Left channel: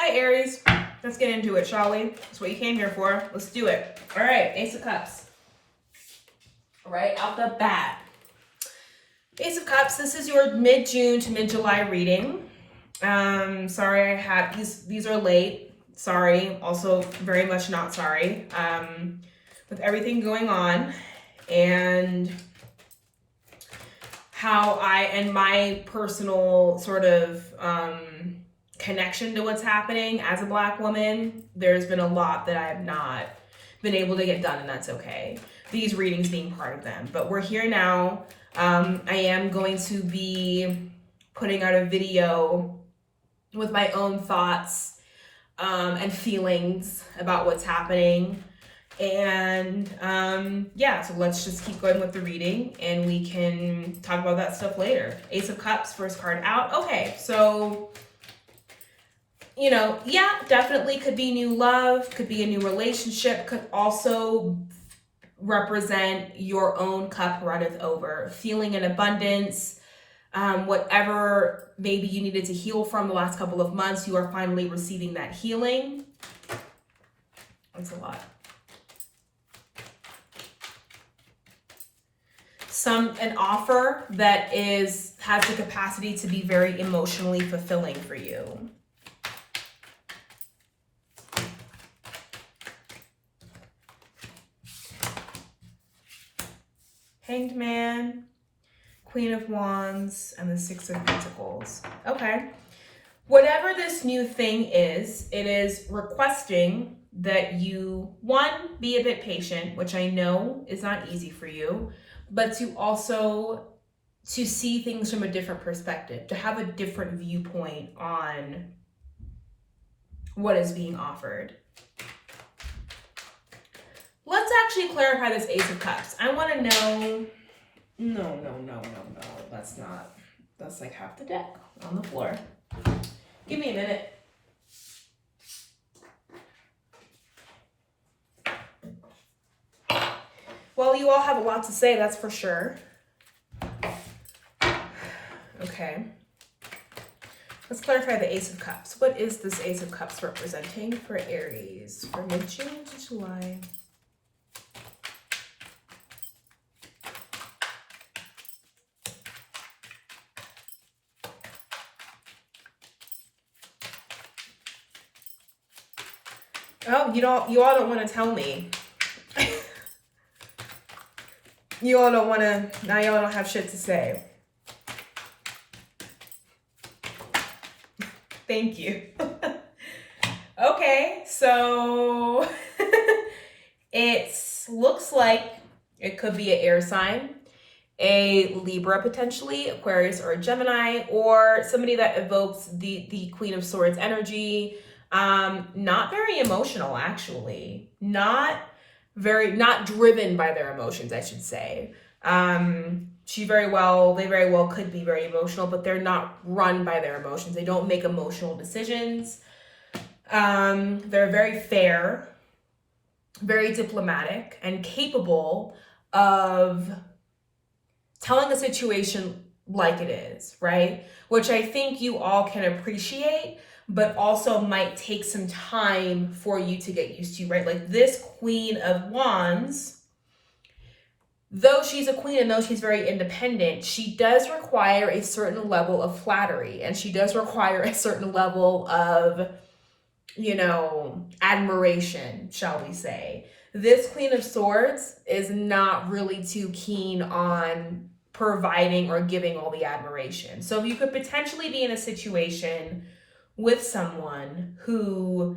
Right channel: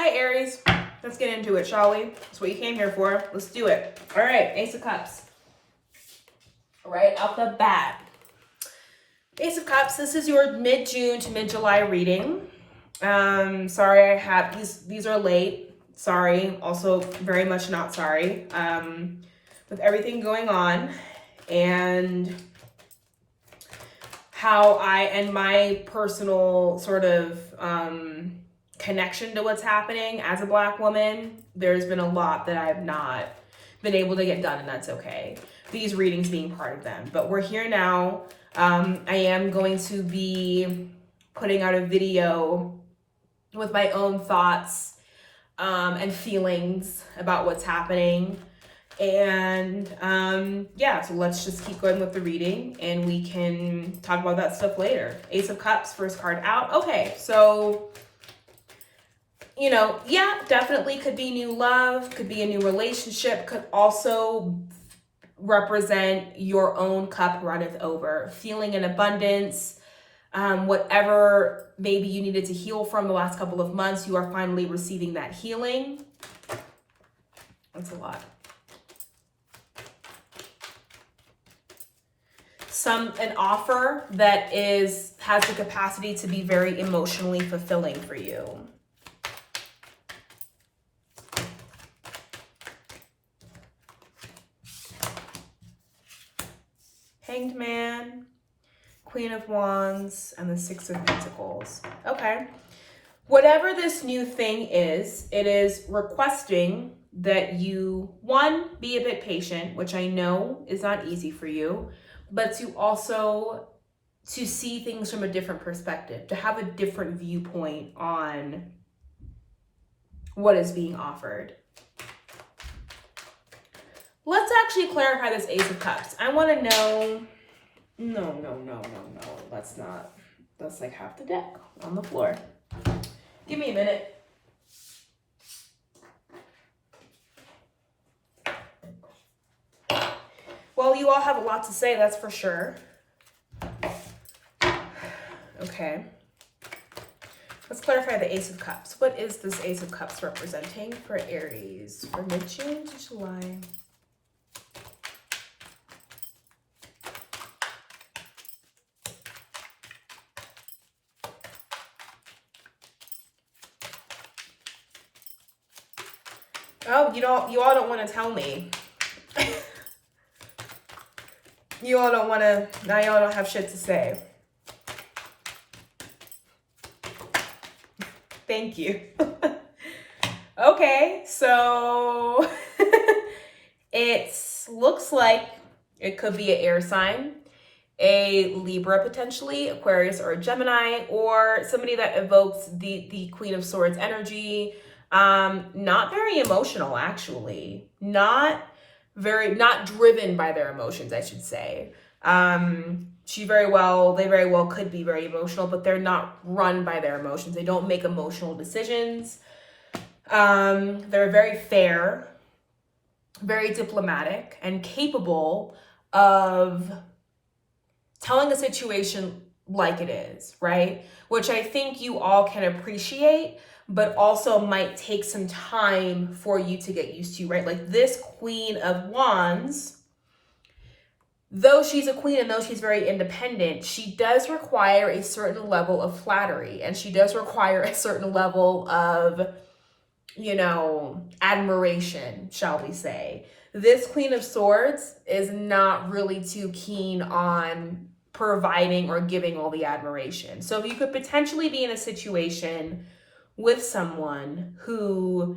Hi, Aries. Let's get into it, shall we? That's what you came here for. Let's do it. All right, Ace of Cups. Right out the bat. Ace of Cups, this is your mid-June to mid-July reading. Sorry I had these are late. Sorry. Also very much not sorry. With everything going on and how my personal sort of connection to what's happening as a Black woman, there's been a lot that I've not been able to get done, and that's okay. These readings being part of them. But we're here now. I am going to be putting out a video with my own thoughts and feelings about what's happening. And yeah, so let's just keep going with the reading and we can talk about that stuff later. Ace of Cups, first card out. Okay, so you know, yeah, definitely could be new love, could be a new relationship, could also represent your own cup runneth over, feeling in abundance, whatever maybe you needed to heal from the last couple of months, you are finally receiving that healing. That's a lot. An offer that has the capacity to be very emotionally fulfilling for you. Hanged Man, Queen of Wands, and the Six of Pentacles. Okay. Whatever this new thing is, it is requesting that you, one, be a bit patient, which I know is not easy for you, but to also to see things from a different perspective, to have a different viewpoint on what is being offered. Let's actually clarify this Ace of Cups. I want to know, no. That's not, that's like half the deck on the floor. Give me a minute. Well, you all have a lot to say, that's for sure. Okay. Let's clarify the Ace of Cups. What is this Ace of Cups representing for Aries for mid-June to July? Oh, you all don't want to tell me. You all don't want to, now y'all don't have shit to say. Thank you. Okay, so it looks like it could be an air sign, a Libra potentially, Aquarius or a Gemini, or somebody that evokes the Queen of Swords energy. Not very emotional, actually. Not driven by their emotions, I should say. They very well could be very emotional, but they're not run by their emotions. They don't make emotional decisions. They're very fair, very diplomatic, and capable of telling a situation like it is, right? Which I think you all can appreciate, but also might take some time for you to get used to, right? Like this Queen of Wands, though she's a queen and though she's very independent, she does require a certain level of flattery, and she does require a certain level of, you know, admiration, shall we say. This Queen of Swords is not really too keen on providing or giving all the admiration. So you could potentially be in a situation with someone who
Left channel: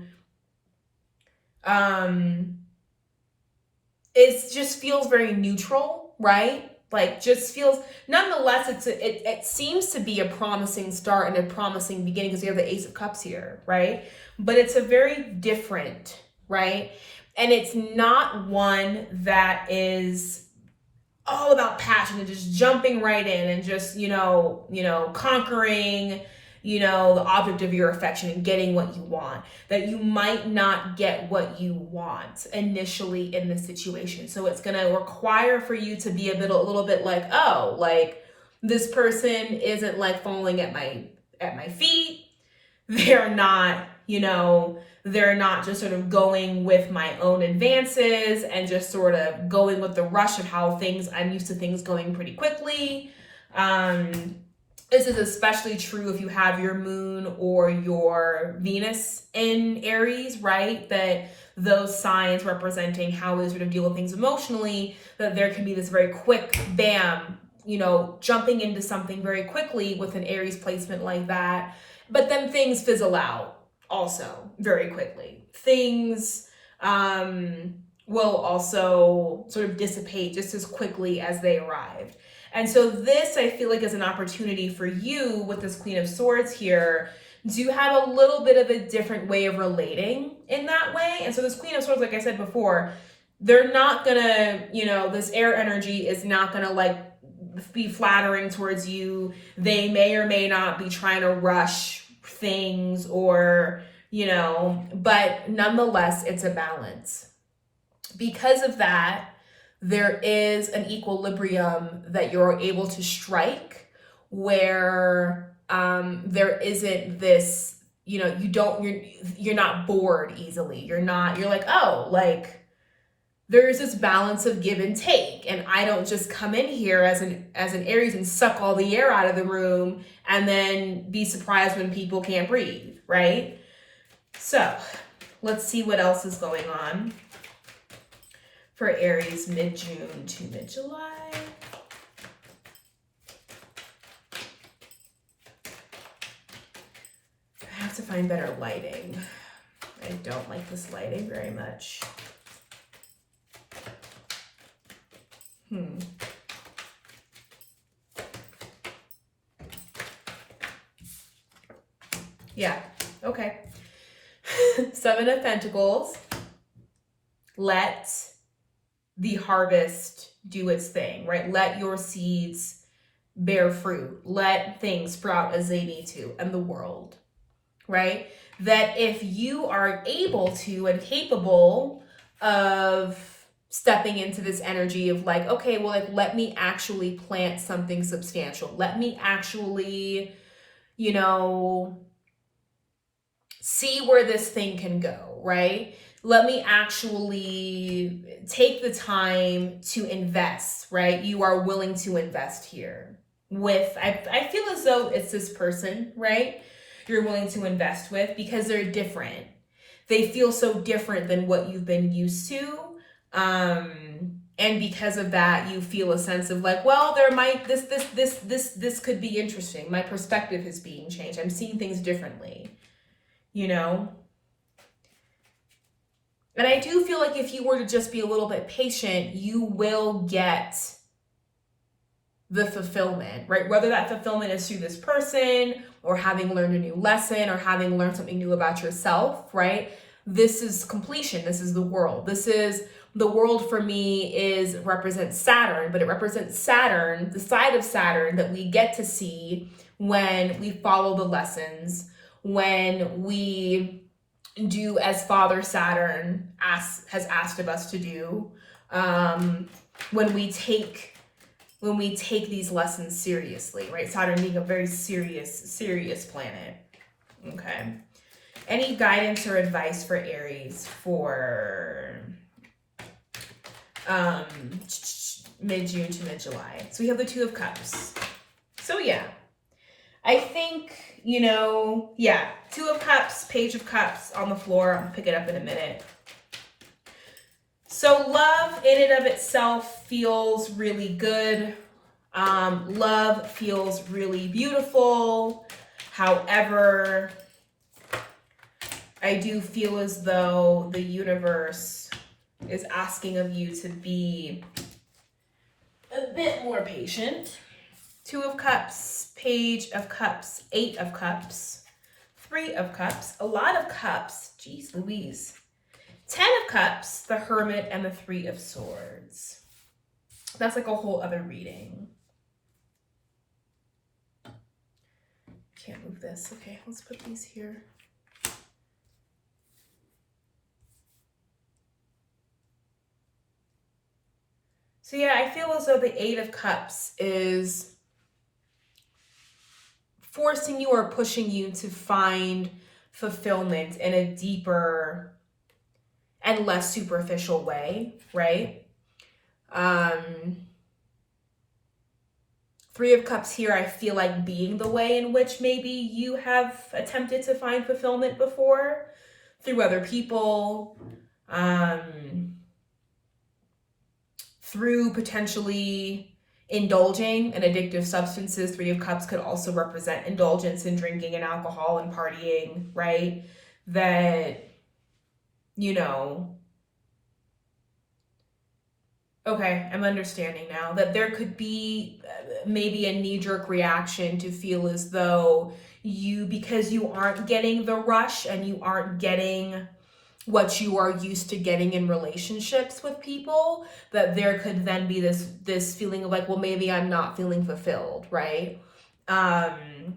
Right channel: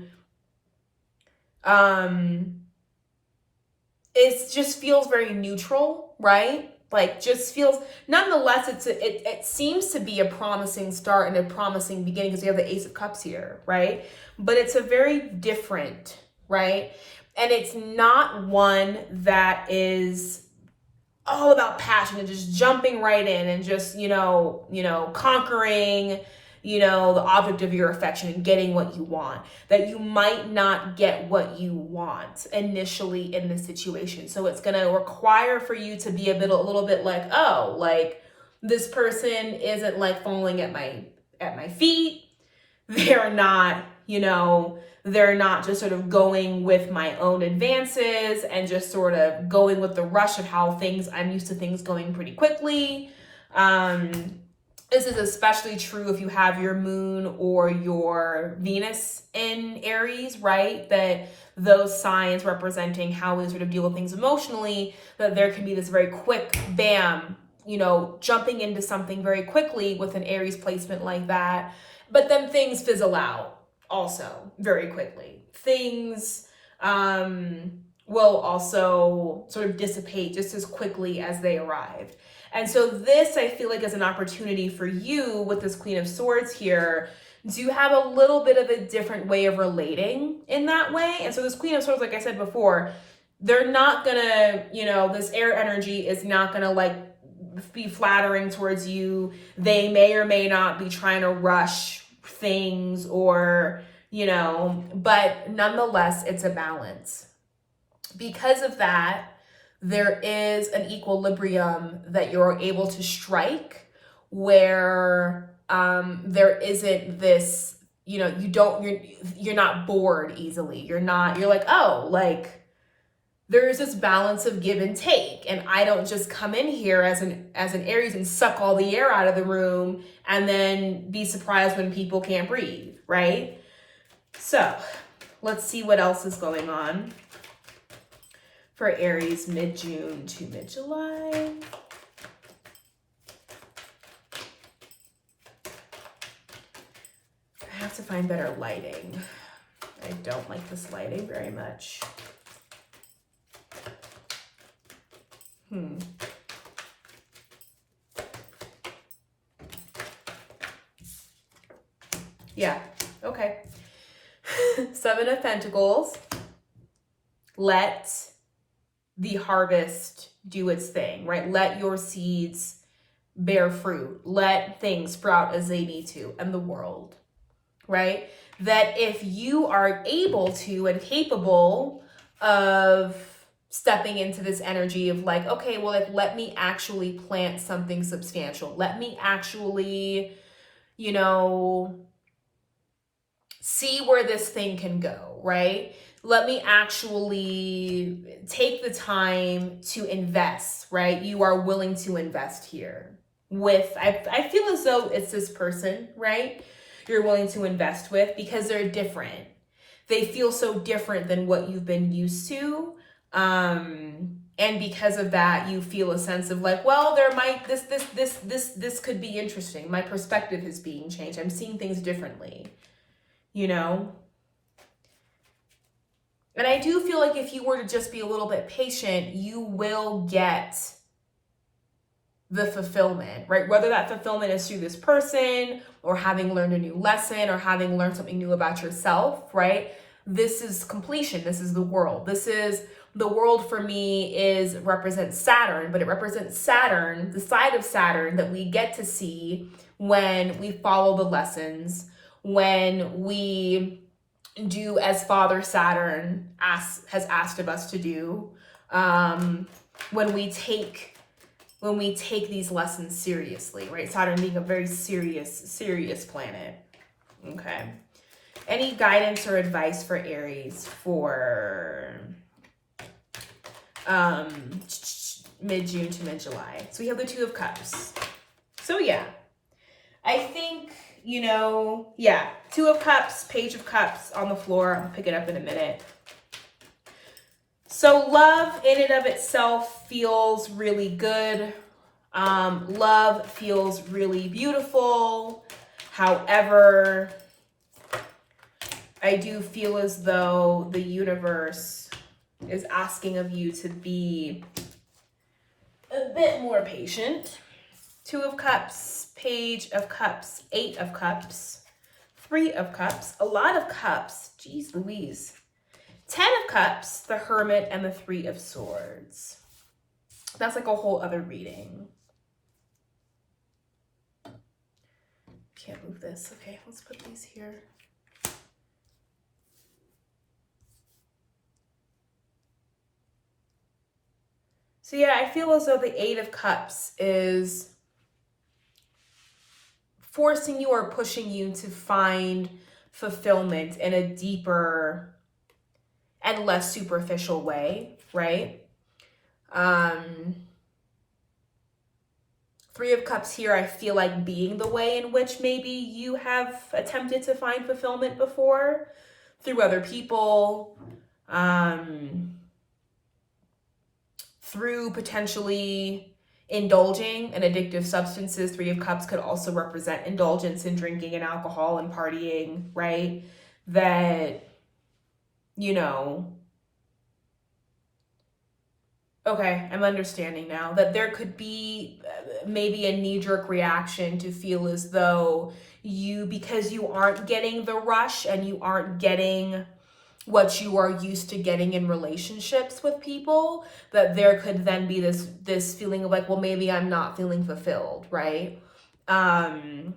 it just feels very neutral, right? Like just feels, nonetheless, it seems to be a promising start and a promising beginning because you have the Ace of Cups here, right? But it's a very different, right? And it's not one that is all about passion and just jumping right in and just, you know, conquering, you know, the object of your affection and getting what you want, that you might not get what you want initially in this situation. So it's going to require for you to be a little bit like, oh, like this person isn't like falling at my feet. They're not, you know, they're not just sort of going with my own advances and just sort of going with the rush of how I'm used to things going pretty quickly. This is especially true if you have your moon or your Venus in Aries, right? That those signs representing how we sort of deal with things emotionally, that there can be this very quick bam, you know, jumping into something very quickly with an Aries placement like that. But then things fizzle out also very quickly. Things will also sort of dissipate just as quickly as they arrive. And so this, I feel like, is an opportunity for you with this Queen of Swords here to have a little bit of a different way of relating in that way. And so this Queen of Swords, like I said before, they're not gonna, you know, this air energy is not gonna like be flattering towards you. They may or may not be trying to rush things or, you know, but nonetheless, it's a balance. Because of that, there is an equilibrium that you're able to strike where there isn't this, you know, you're not bored easily. You're like, oh, like there's this balance of give and take. And I don't just come in here as an Aries and suck all the air out of the room and then be surprised when people can't breathe, right? So let's see what else is going on for Aries mid-June to mid-July. I have to find better lighting. I don't like this lighting very much. Yeah, okay. Seven of Pentacles. Let the harvest do its thing, right? Let your seeds bear fruit. Let things sprout as they need to in the world, right? That if you are able to and capable of stepping into this energy of like, okay, well, like, let me actually plant something substantial. Let me actually, you know, see where this thing can go, right? Let me actually take the time to invest, right? You are willing to invest here with, I feel as though it's this person, right? You're willing to invest with because they're different. They feel so different than what you've been used to. And because of that, you feel a sense of like, well, there might, this could be interesting. My perspective is being changed. I'm seeing things differently, you know? And I do feel like if you were to just be a little bit patient, you will get the fulfillment, right? Whether that fulfillment is through this person or having learned a new lesson or having learned something new about yourself, right? This is completion. This is the world. This is the world for me represents Saturn, but it represents Saturn, the side of Saturn that we get to see when we follow the lessons, when we do as Father Saturn has asked of us to do, when we take these lessons seriously, right? Saturn being a very serious planet. Okay. Any guidance or advice for Aries for mid-June to mid-July? So we have the Two of Cups. So yeah, I think, you know, yeah, Two of Cups, Page of Cups on the floor. I'll pick it up in a minute. So love in and of itself feels really good. Love feels really beautiful. However, I do feel as though the universe is asking of you to be a bit more patient. Two of Cups, Page of Cups, Eight of Cups, Three of Cups, a lot of cups. Jeez Louise. 10 of Cups, the Hermit, and the Three of Swords. That's like a whole other reading. Can't move this. Okay, let's put these here. So yeah, I feel as though the Eight of Cups is forcing you or pushing you to find fulfillment in a deeper and less superficial way, right? Three of Cups here, I feel like being the way in which maybe you have attempted to find fulfillment before through other people, through potentially indulging in addictive substances. Three of Cups could also represent indulgence in drinking and alcohol and partying, right? That, you know, okay, I'm understanding now that there could be maybe a knee-jerk reaction to feel as though because you aren't getting the rush and you aren't getting what you are used to getting in relationships with people, that there could then be this feeling of like, well, maybe I'm not feeling fulfilled, right? And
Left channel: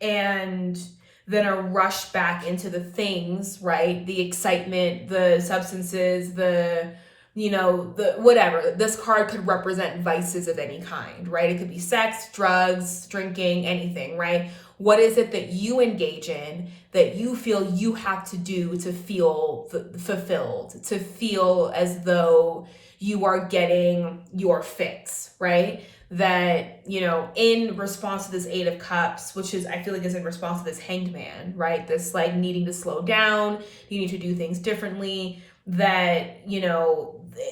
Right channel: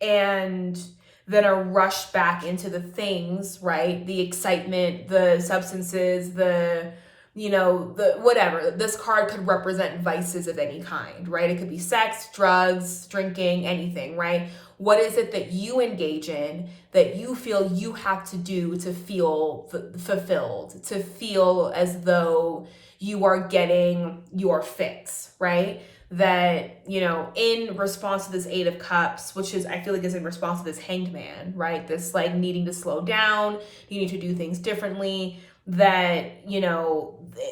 then a rush back into the things, right? The excitement, the substances, the whatever. This card could represent vices of any kind, right? It could be sex, drugs, drinking, anything, right? What is it that you engage in that you feel you have to do to feel fulfilled, to feel as though you are getting your fix, right? That, in response to this Eight of Cups, which I feel like is in response to this Hanged Man, right? This like needing to slow down, you need to do things differently, that,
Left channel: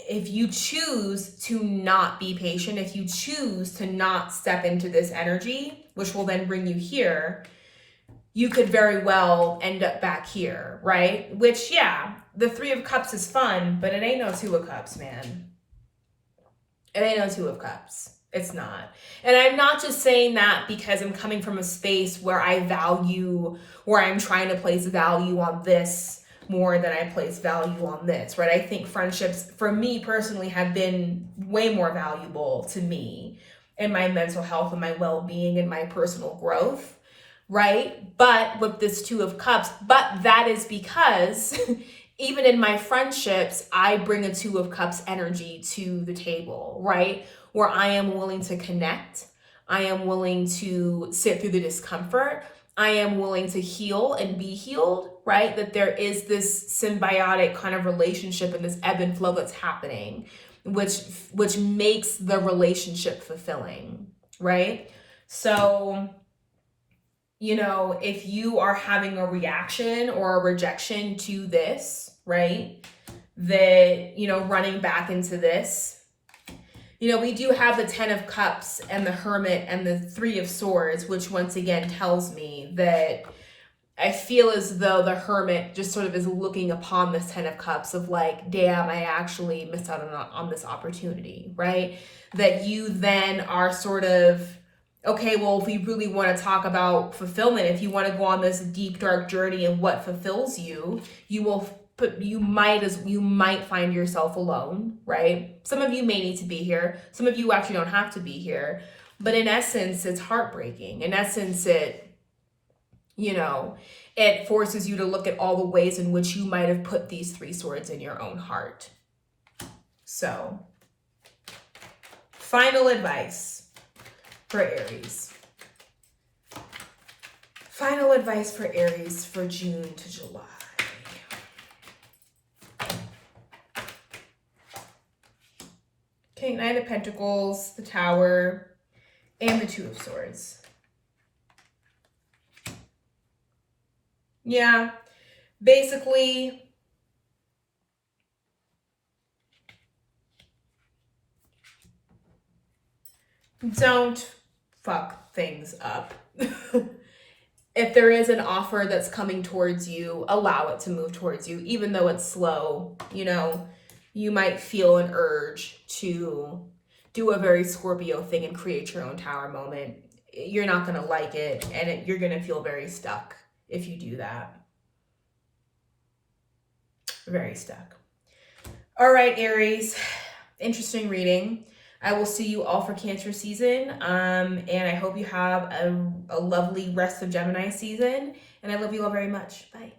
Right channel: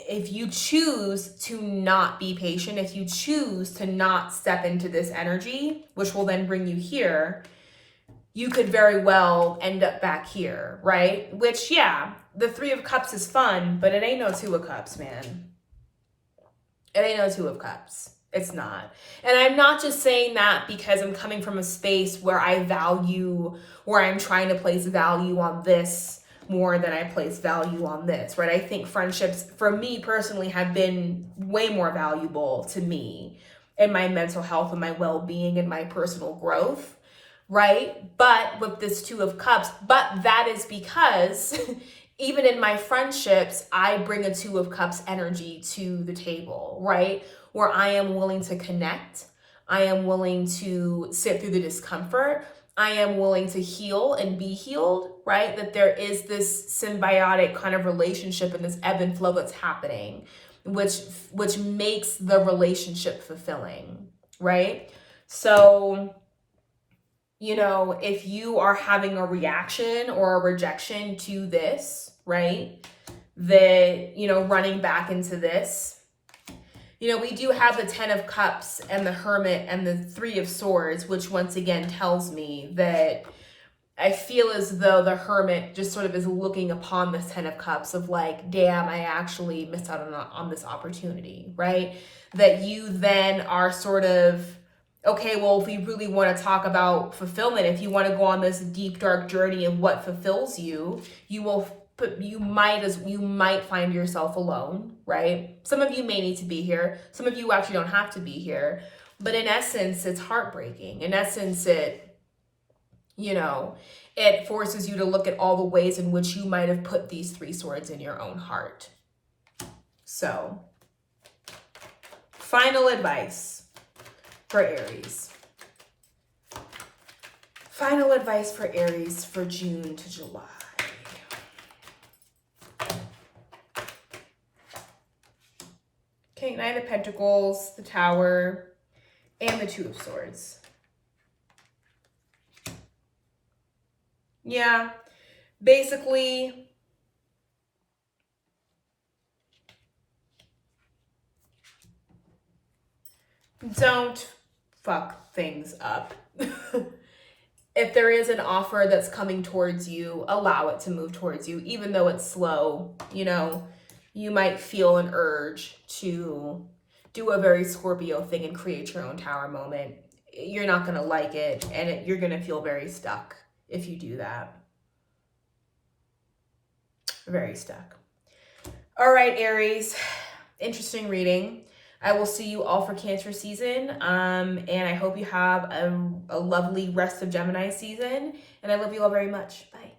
if you choose to not be patient, if you choose to not step into this energy, which will then bring you here, you could very well end up back here, right? Which, yeah, the Three of Cups is fun, but it ain't no Two of Cups, man. It ain't no Two of Cups. It's not. And I'm not just saying that because I'm coming from a space where I'm trying to place value on this more than I place value on this, right? I think friendships, for me personally, have been way more valuable to me in my mental health and my well-being and my personal growth, right? But with this Two of Cups, but that is because even in my friendships, I bring a Two of Cups energy to the table, right? Where I am willing to connect. I am willing to sit through the discomfort. I am willing to heal and be healed, right? That there is this symbiotic kind of relationship and this ebb and flow that's happening, which makes the relationship fulfilling, right? So, if you are having a reaction or a rejection to this, right? That, running back into this, we do have the Ten of Cups and the Hermit and the Three of Swords, which once again tells me that I feel as though the Hermit just sort of is looking upon this Ten of Cups of like, damn, I actually missed out on this opportunity, right? That you then are sort of, okay, well, if we really want to talk about fulfillment, if you want to go on this deep, dark journey and what fulfills you, you might find yourself alone, right? Some of you may need to be here. Some of you actually don't have to be here. But in essence, it's heartbreaking. In essence, it forces you to look at all the ways in which you might have put these three swords in your own heart. So, final advice for Aries. Final advice for Aries for June to July. Okay, Knight of Pentacles, the Tower, and the Two of Swords. Yeah, basically, don't fuck things up. If there is an offer that's coming towards you, allow it to move towards you, even though it's slow. You might feel an urge to do a very Scorpio thing and create your own tower moment. You're not going to like it, and you're going to feel very stuck if you do that. Very stuck. All right, Aries. Interesting reading. I will see you all for Cancer season. And I hope you have a lovely rest of Gemini season. And I love you all very much. Bye.